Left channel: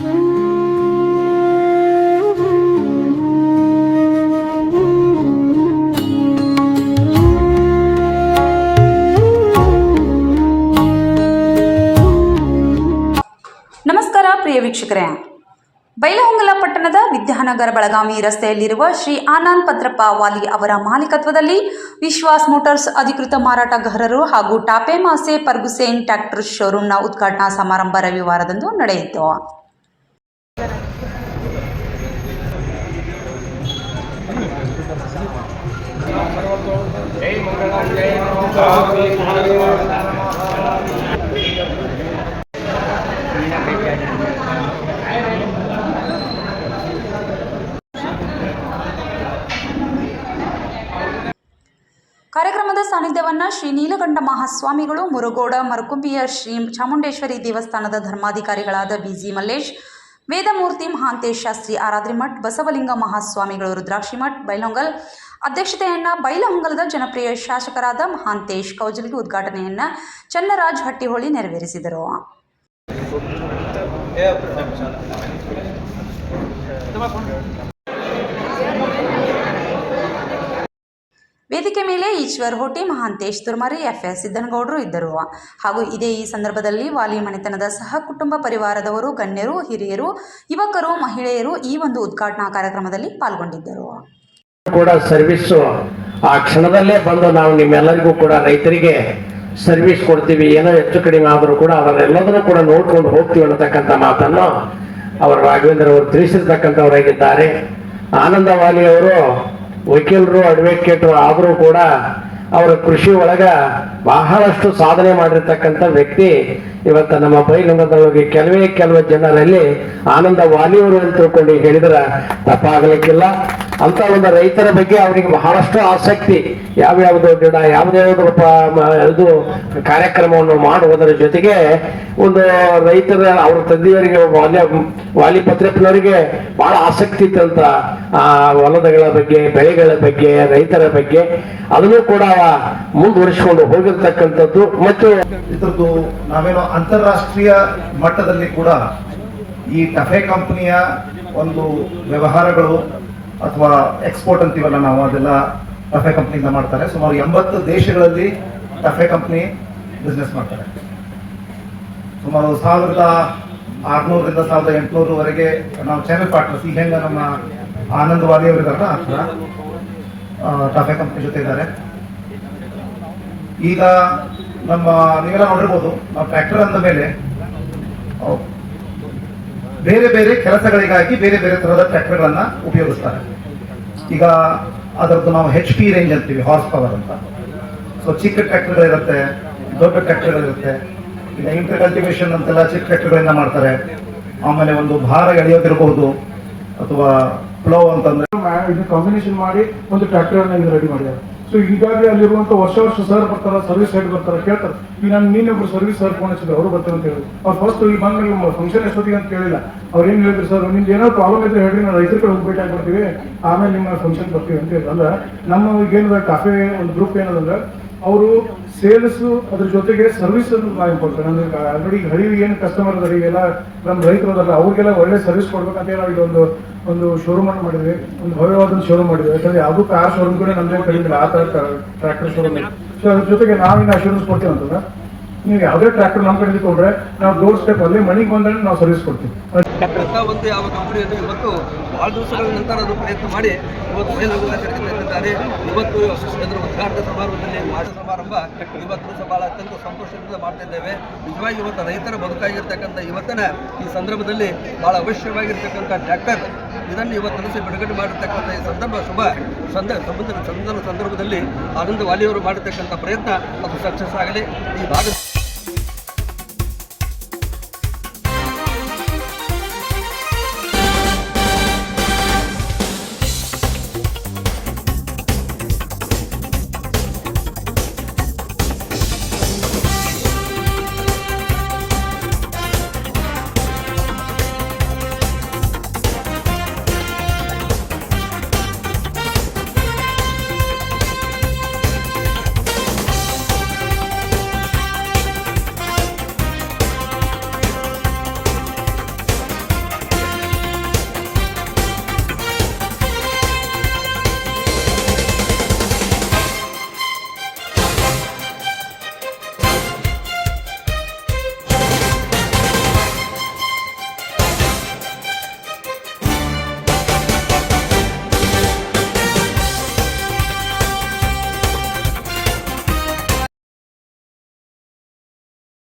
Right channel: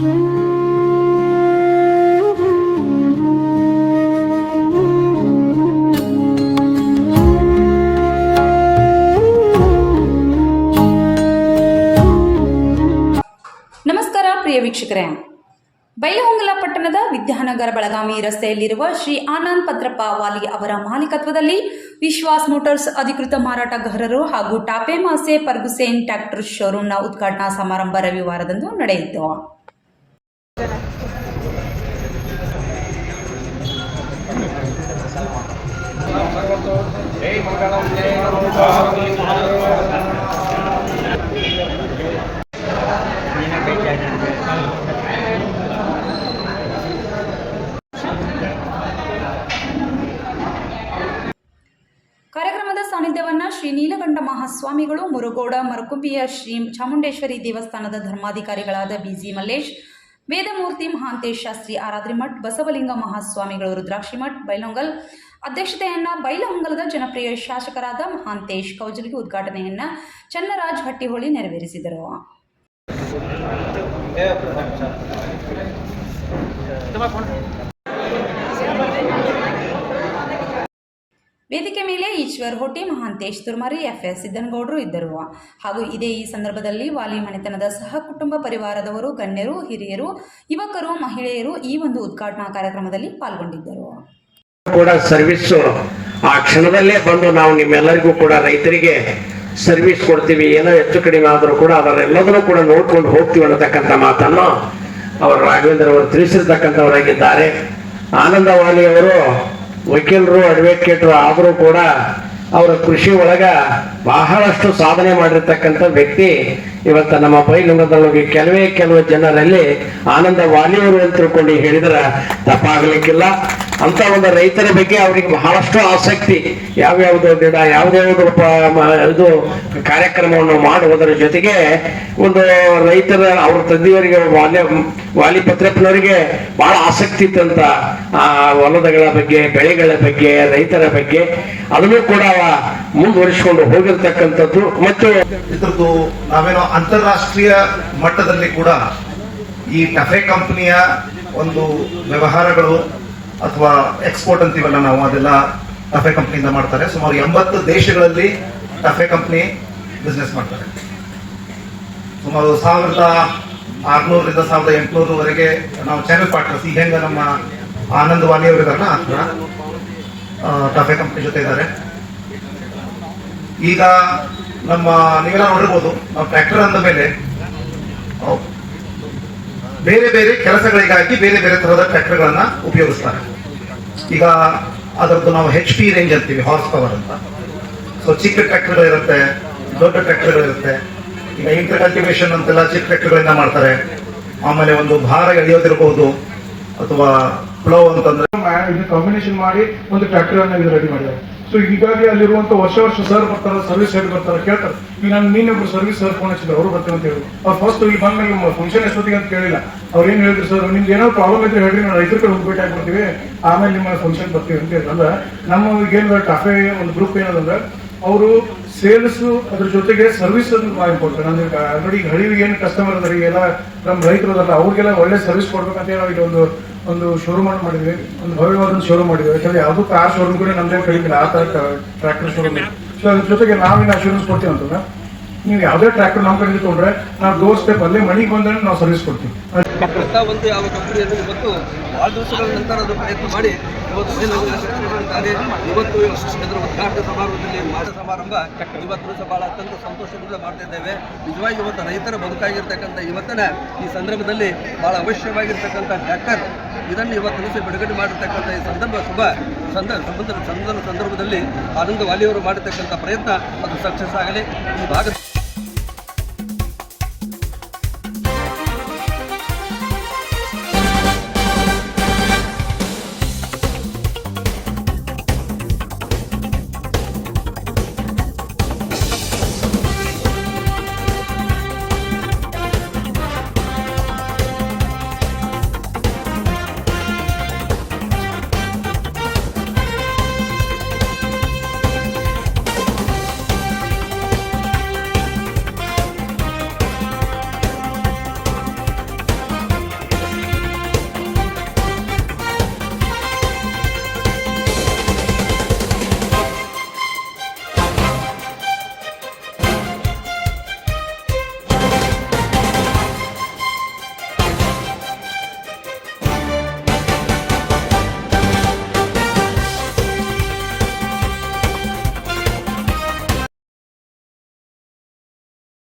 ನಮಸ್ಕಾರ ಪ್ರಿಯ ವೀಕ್ಷಕರೇ, ಬೈಲಹೊಂಗಲ ಪಟ್ಟಣದ ವಿದ್ಯಾನಗರ ಬೆಳಗಾವಿ ರಸ್ತೆಯಲ್ಲಿರುವ ಶ್ರೀ ಆನಂದ್ ಪತ್ರಪ್ಪ ವಾಲಿ ಅವರ ಮಾಲೀಕತ್ವದಲ್ಲಿ ವಿಶ್ವಾಸ್ ಮೋಟಾರ್ಸ್ ಅಧಿಕೃತ ಮಾರಾಟಗಾರರು ಹಾಗೂ ಟಾಪೆ ಮಾಸೆ ಫರ್ಗುಸೇನ್ ಟ್ರ್ಯಾಕ್ಟರ್ ಶೋರೂಮ್ನ ಉದ್ಘಾಟನಾ ಸಮಾರಂಭ ರವಿವಾರದಂದು ನಡೆಯಿತು. ಕಾರ್ಯಕ್ರಮದ ಸಾನ್ನಿಧ್ಯವನ್ನು ಶ್ರೀ ನೀಲಕಂಠ ಮಹಾಸ್ವಾಮಿಗಳು, ಮುರುಗೋಡ ಮರಕುಂಬಿಯ ಶ್ರೀ ಚಾಮುಂಡೇಶ್ವರಿ ದೇವಸ್ಥಾನದ ಧರ್ಮಾಧಿಕಾರಿಗಳಾದ ಬಿಜಿ ಮಲ್ಲೇಶ್, ವೇದಮೂರ್ತಿ ಮಹಾಂತೇಶ್ ಶಾಸ್ತ್ರಿ ಆರಾದ್ರಿಮಠ್, ಬಸವಲಿಂಗ ಮಹಾಸ್ವಾಮಿಗಳು ರುದ್ರಾಕ್ಷಿಮಠ್ ಬೈಲಹೊಂಗಲ್ ಅಧ್ಯಕ್ಷತೆಯನ್ನು ಬೈಲಹೊಂಗಲದ ಜನಪ್ರಿಯ ಶಾಸಕರಾದ ಮಹಾಂತೇಶ್ ಕೌಜಲಗಿ ಉದ್ಘಾಟನೆಯನ್ನು ಚನ್ನರಾಜ್ ಹಟ್ಟಿಹೊಳಿ ನೆರವೇರಿಸಿದರು. ವೇದಿಕೆ ಮೇಲೆ ಈಶ್ವರ್ ಹೊಟ್ಟಿ, ಮಹಾಂತೇಶ್ ತುರ್ಮರಿ, ಎಫ್ಎಸ್ ಸಿದ್ದನಗೌಡರು ಇದ್ದರು. ಹಾಗೂ ಈ ಸಂದರ್ಭದಲ್ಲಿ ವಾಲಿ ಮನೆತನದ ಸಹ ಕುಟುಂಬ ಪರಿವಾರದವರು, ಗಣ್ಯರು, ಹಿರಿಯರು, ಯುವಕರು, ಮಹಿಳೆಯರು ಈ ಒಂದು ಉದ್ಘಾಟನಾ ಕಾರ್ಯಕ್ರಮದಲ್ಲಿ ಪಾಲ್ಗೊಂಡಿದ್ದರು. ಕೂಡ ಸರ್ವಿಸ್ ಆ ಕ್ಷಣದಲ್ಲೇ ಬಂದು ನಾವು ನಿಮ್ಮೆಲ್ಲರಿಗೂ ಕೂಡ ರೈತರಿಗೆ ಸರ್ವಿಸ್ ಕೊಡ್ತೀವಿ, ಏನೋ ಹೆಚ್ಚು ಕಡಿಮೆ ಆದರೂ ಕೂಡ ಅವರೆಲ್ಲದನ್ನು ಕೂಡ ನೋಡ್ಕೊಂಡು ಹೋಗ್ತೀವಿ ಅನ್ನತಕ್ಕಂಥ ಮಾತನ್ನು ಅವರು ರಾಘವೇಂದ್ರ ಅವರು ತಿಳಿಸಿರ್ತಕ್ಕಂಥವರಾಗಿದ್ದಾರೆ. ಆನಂದ ವಾಲಿ ಅವರು ವಕೀಲರು, ಅಡ್ವೊಕೇಟರು ಆದರೂ ಕೂಡ ಅವರು ಕೃಷಿ ಒಳಗ ಬಹಳಷ್ಟು ಸಾಧನೆ ಮಾಡಿರ್ತಕ್ಕಂಥ ವ್ಯಕ್ತಿ. ಇವತ್ತು ನಮ್ಮ ಬೈಲಹೊಂಗಲದೊಳಗೆ ಕೆಲವು ಜನರಲ್ಲಿ ಆನಂದ ವಾಲಿಯವರು ಅಂತ ತಿಳ್ಕೊಂಡು ಹೇಳಿದ್ರೆ ತಪ್ಪಾಗಲಿಕ್ಕಿಲ್ಲ. ಅಂತ ಒಂದು ರೈತರ ಬಗ್ಗೆ ಅವರಿಗೆ ಬಹಳಷ್ಟು ಆಸಕ್ತಿ, ಯಾವ್ಯಾವುದು ಗಿಡ ಯಾವ್ದ್ಯಾವ್ದು ಇದು ಕಾರ್ಯಕ್ರಮವನ್ನು ಮಾಡುವುದರ ಜೊತೆಗೆ ಒಂದು ರೈತರ ಅವ್ರ ತಂದೆಯವರಿಗೆ ವಾಲಿ ಪತ್ರಪ್ಪನವರಿಗೆ ಬಹಳ ಆಸಕ್ತಿ ಇತ್ತಂತ ಆ ಹೊಲದಗಳ ಬಗ್ಗೆ, ಬೆಳೆಗಳ ಬಗ್ಗೆ, ರೈತರ ಬಗ್ಗೆ ಅದನ್ನು ಕೂಡ ಮುಂದುವರಿಸಿಕೊಂಡು ಹೋಗಿರ್ತಕ್ಕಂಥದ್ದು. ಮತ್ತು ಇದ್ರದ್ದು ನಾವೇನೋ ಅಂತಾರಾಷ್ಟ್ರೀಯ ಮಟ್ಟದಲ್ಲಿ ಕೂಡ ಈ ಟಫೆ ಕಂಪನಿಯ ಒಂದು ವ್ಯವಹಾರಗಳು ಅಥವಾ ಎಕ್ಸ್ಪೋರ್ಟ್ ಅಂತೀವಲ್ಲ ನಾವು, ಅದೆಲ್ಲ ಟಫೆ ಕಂಪನಿಯಿಂದ ಮಾಡ್ತಾರೆ. ಸುಮಾರು 80 ದೇಶಗಳಲ್ಲಿ ಟಫೆ ಕಂಪನಿ ಬಿಸ್ನೆಸ್ ಮಾಡ್ತಾರೆ. ಸುಮಾರು 1600ರಿಂದ 1800ವರೆಗೆ ನಾವು ಚಾನೆಲ್ ಪಾರ್ಟ್ನರ್ಸ್. ಈಗ ಹೆಂಗ ನಮ್ಮ ಆನಂದ್ ವಾಲಿ ಅವರು ಇದಾರಲ್ಲ, ಆ ಥರ ಟಫೆ ಕಂಪನಿ ಜೊತೆ ಇದ್ದಾರೆ. ಈಗ ನಮ್ಮ ನೀವೆಲ್ಲ ನೋಡಿರ್ಬೋದು, ನಾವು ಟ್ರ್ಯಾಕ್ಟರ್ ಅಂದ ಮೇಲೆ ಬೇರೆ ಬೇರೆ ಕೆಲಸಗಳಿಗಾಗಿ ಬೇರೆ ಬೇರೆ ತರಹದ ಟ್ರ್ಯಾಕ್ಟರ್ಗಳನ್ನ ಉಪಯೋಗಿಸ್ತಾರೆ. ಈಗ ಅದರದ್ದು ನಾವು HP ರೇಂಜ್ ಅಂತೀವಿ, ಹಾರ್ಸ್ ಪವರ್ ಅಂತ. ಸೊ ಚಿಕ್ಕ ಟ್ರ್ಯಾಕ್ಟರ್ಗಳಿರುತ್ತೆ, ದೊಡ್ಡ ಟ್ರ್ಯಾಕ್ಟರ್ಗಳಿರುತ್ತೆ. ಈಗ ಇಂಟರ್ ಕಲ್ಟಿವೇಶನ್ ಅಂತೆಲ್ಲ ಚಿಕ್ಕ ಟ್ರ್ಯಾಕ್ಟರ್ಗಳಿಂದ ಮಾಡ್ತಾರೆ. ಆಮೇಲೆ ಒಂದು ಭಾರ ಎಳೆಯೋದಿರಬಹುದು ಅಥವಾ ಪ್ಲೋ ಅಂತಂದ್ರೆ ಇದು ಕಾಂಬಿನೇಷನ್ ಮಾಡಿ ಒಂದು ಟ್ರ್ಯಾಕ್ಟರ್ ಅನ್ನ ರೆಡಿ ಮಾಡಿದ್ದಾರೆ. ಸೊ ಹೀಗಾಗಿ ಅಲ್ಲಿರುವಂತ ವರ್ಷ ಸರ್ ಬರ್ತಾರ, ಸರ್ವಿಸ್ ಹೆಡ್ ಬರ್ತಾರ, ಕೇಳ್ತಾರೆ. ಈಗ ನಾನು ನೀನೊಬ್ರು ಸರ್ವಿಸ್ ಸರ್ ಫೋನ್ ಹಚ್ಚಿದ್ರು, ಅವರು ಬರ್ತಾರೆ ಅಂತ ಹೇಳಿ. ಅವ್ರು ಫಸ್ಟ್ ಈ ಬಂದ ಫಂಕ್ಷನ್ ಎಷ್ಟೊತ್ತಿಗೆ ಅಂತ ಕೇಳಿಲ್ಲ. ಅವ್ರು ಏನ್ ಹೇಳಿದ್ರು, ಸರ್ ನಿಮ್ಗೆ ಏನೋ ಪ್ರಾಬ್ಲಮ್ ಇದ್ರೆ ಹೇಳ್ರಿ, ನಾವು ರೈತರ ಕಡೆ ಹೋಗ್ಬಿಟ್ಟು ಆಗ್ಬಿಡ್ತೀವಿ, ಆಮೇಲೆ ನಿಮ್ಮ ಫಂಕ್ಷನ್ ಬರ್ತೀವಿ ಅಂತ ಹೇಳಿದ್ರು. ಅಂದ್ರೆ ನಮ್ಮ ಏನ್ ಟಾಫೆ ಒಂದು ಗ್ರೂಪ್ ಏನದಂದ್ರೆ ಅವರು ಸೇಲ್ಸ್ ಅದ್ರ ಜೊತೆಗೆ ಸರ್ವಿಸ್ ಅದು ಭಾಳ ಇಂಪಾರ್ಟೆಂಟ್. ಅಂದ್ರೆ ಆಲ್ರೆಡಿ ಹಳ್ಳಿಗೆ ಏನು ಕಸ್ಟಮರ್ ಅದ, ಎಲ್ಲ ನಮ್ಮ ರೈತರು ಅದಲ್ಲ, ಅವ್ರಿಗೆಲ್ಲ ಒಳ್ಳೆ ಸರ್ವಿಸ್ ಕೊಡ್ಬೇಕಂತ ಹೇಳಿ ಒಂದು ಶೋರೂಮ್ ಅನ್ನು ಮಾಡಿದ್ವಿ, ಒಂದು ಭವ್ಯವಾದ ಶೋರೂಮ್ ಮಾಡಿದ್ವಿ. ಯಾಕಂದ್ರೆ ಯಾವ್ದು ಕಾರ್ ಶೋರೂಮ್ ಕೂಡ ನಮ್ದೇ ಕಡಿಮೆ, ಆ ತರ ಟ್ರ್ಯಾಕ್ಟರ್ ಶೋರೂಮ್. ಸೊ ಅದ್ರ ಜೊತೆಗೆ ನಾವೇನು ಅಶ್ಯೂರೆನ್ಸ್ ಕೊಡ್ತೀವಿ ಅಂತಂದ್ರೆ, ನೀವು ಯಾವುದೇ ಟ್ರ್ಯಾಕ್ಟರ್ ನಮ್ಮ ಕಡೆ ತೊಗೊಂಡ್ರೆ ನಾವು ಡೋರ್ ಸ್ಟೆಪ್ ಅಲ್ಲಿ ಮನೆಗೆ ಬಂದ್ರೆ ನಾವು ಸರ್ವಿಸ್ ಕೊಡ್ತೀವಿ. ಒಂದು ಯಾವ ಕಂಪನಿಯಲ್ಲಿ ಇವತ್ತು ಭಾಳ ದಿವಸಗಳ ನಂತರ ಅದು ಪ್ರಯತ್ನ ಮಾಡಿ ಇವತ್ತು ಬೈಲಹೊಂಗಲಿದ್ದಾರೆ. ಇವತ್ತು ಇದರ ಉದ್ಘಾಟನಾ ಸಮಾರಂಭದಲ್ಲಿ ಮಾಸ ಸಮಾರಂಭ ಇವತ್ತು ದಿವಸ ಭಾಳ ಅತ್ಯಂತ ಸಂತೋಷದಿಂದ ಮಾಡ್ತಾ ಇದ್ದೇವೆ. ನಿಜವಾಗಿ ಇವತ್ತು ರೈತರ ಬದುಕಾಗಿರ್ತಕ್ಕಂಥ ಇವತ್ತಿನ ಈ ಸಂದರ್ಭದಲ್ಲಿ ಭಾಳ ಅವಶ್ಯವಾಗಿರ್ತಕ್ಕಂಥ ಟ್ರ್ಯಾಕ್ಟರ್ ಇದನ್ನು ಇವತ್ತು ದಿವಸ ಬಿಡುಗಡೆ ಮಾಡಿರ್ತಕ್ಕಂಥ ಈ ಸಂದರ್ಭದಲ್ಲಿ ಆನಂದ ವಾಲಿಯವರು ಮಾಡಿರ್ತಕ್ಕಂಥ ಪ್ರಯತ್ನ ಅದು ಸಕ್ಸಸ್ ಆಗಲಿ. ಈ ಭಾಗ